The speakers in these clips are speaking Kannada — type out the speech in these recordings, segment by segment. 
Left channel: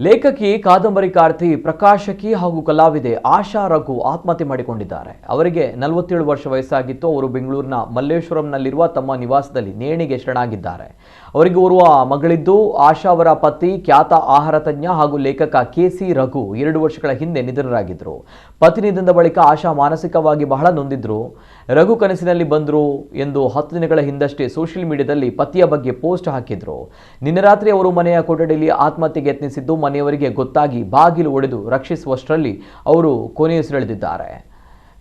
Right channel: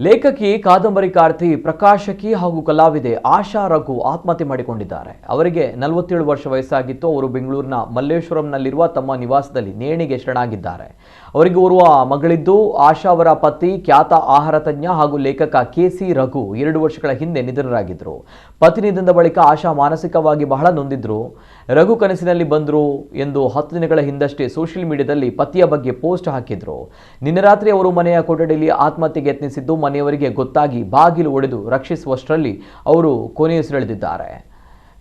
ಲೇಖಕಿ ಕಾದಂಬರಿಕಾರ್ತಿ ಪ್ರಕಾಶಕಿ ಹಾಗೂ ಕಲಾವಿದೆ ಆಶಾ ರಘು ಆತ್ಮಹತ್ಯೆ ಮಾಡಿಕೊಂಡಿದ್ದಾರೆ. ಅವರಿಗೆ 47 ವರ್ಷ ವಯಸ್ಸಾಗಿತ್ತು. ಅವರು ಬೆಂಗಳೂರಿನ ಮಲ್ಲೇಶ್ವರಂನಲ್ಲಿರುವ ತಮ್ಮ ನಿವಾಸದಲ್ಲಿ ನೇಣಿಗೆ ಶರಣಾಗಿದ್ದಾರೆ. ಅವರಿಗೆ ಓರ್ವ ಮಗಳಿದ್ದು, ಆಶಾ ಅವರ ಪತಿ ಖ್ಯಾತ ಆಹಾರ ತಜ್ಞ ಹಾಗೂ ಲೇಖಕ ಕೆಸಿ ರಘು 2 ವರ್ಷಗಳ ಹಿಂದೆ ನಿಧನರಾಗಿದ್ದರು. ಪತಿ ನಿಧನದ ಬಳಿಕ ಆಶಾ ಮಾನಸಿಕವಾಗಿ ಬಹಳ ನೊಂದಿದ್ರು. ರಘು ಕನಸಿನಲ್ಲಿ ಬಂದರು ಎಂದು 10 ದಿನಗಳ ಹಿಂದಷ್ಟೇ ಸೋಷಿಯಲ್ ಮೀಡಿಯಾದಲ್ಲಿ ಪತಿಯ ಬಗ್ಗೆ ಪೋಸ್ಟ್ ಹಾಕಿದ್ರು. ನಿನ್ನೆ ರಾತ್ರಿ ಅವರು ಮನೆಯ ಕೊಠಡಿಯಲ್ಲಿ ಆತ್ಮಹತ್ಯೆಗೆ ಯತ್ನಿಸಿದ್ದು, ಮನೆಯವರಿಗೆ ಗೊತ್ತಾಗಿ ಬಾಗಿಲು ಒಡೆದು ರಕ್ಷಿಸುವಷ್ಟರಲ್ಲಿ ಅವರು ಕೊನೆಯುಸಿರೆಳೆದಿದ್ದಾರೆ.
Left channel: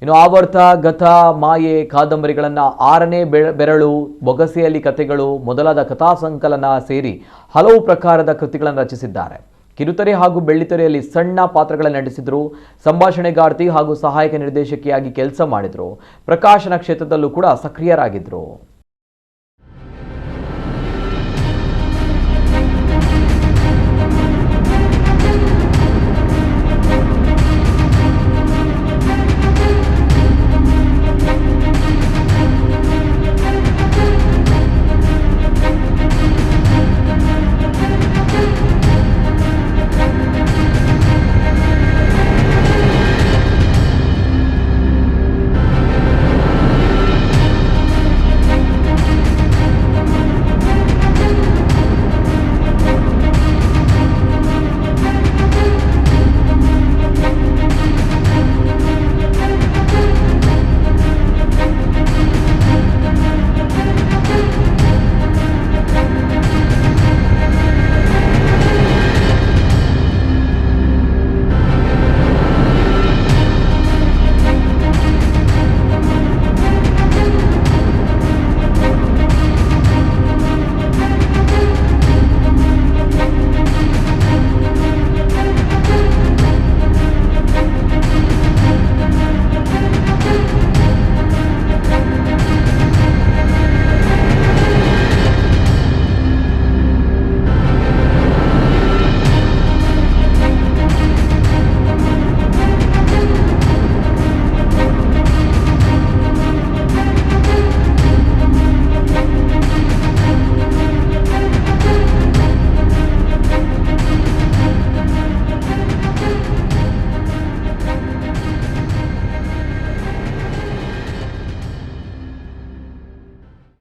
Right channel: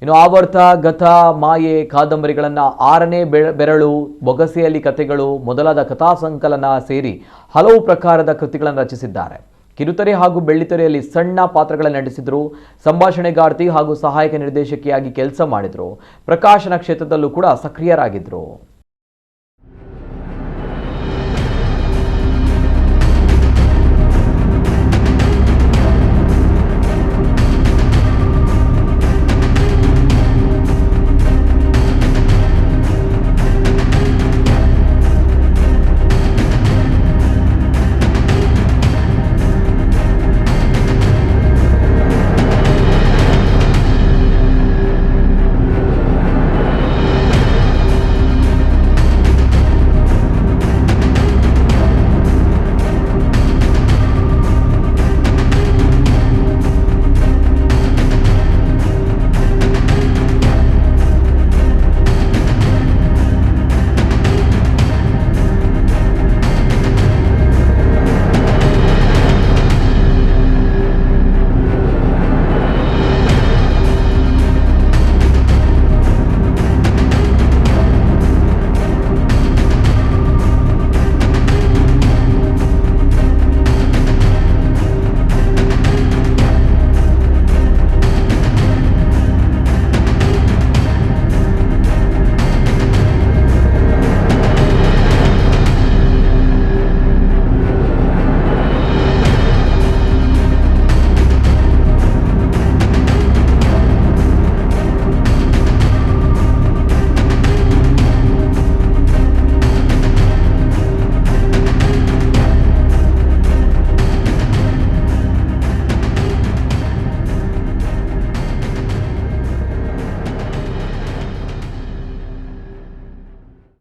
ಇನ್ನು ಆವರ್ತ, ಗತ, ಮಾಯೆ ಕಾದಂಬರಿಗಳನ್ನು 6ನೇ ಬೆರಳು, ಬೊಗಸೆಯಲ್ಲಿ ಕಥೆಗಳು ಮೊದಲಾದ ಕಥಾ ಸಂಕಲನ ಸೇರಿ ಹಲವು ಪ್ರಕಾರದ ಕೃತಿಗಳನ್ನು ರಚಿಸಿದ್ದಾರೆ. ಕಿರುತೆರೆ ಹಾಗೂ ಬೆಳ್ಳಿತೆರೆಯಲ್ಲಿ ಸಣ್ಣ ಪಾತ್ರಗಳನ್ನು ನಟಿಸಿದರು. ಸಂಭಾಷಣೆಗಾರ್ತಿ ಹಾಗೂ ಸಹಾಯಕ ನಿರ್ದೇಶಕಿಯಾಗಿ ಕೆಲಸ ಮಾಡಿದರು. ಪ್ರಕಾಶನ ಕ್ಷೇತ್ರದಲ್ಲೂ ಕೂಡ ಸಕ್ರಿಯರಾಗಿದ್ದರು.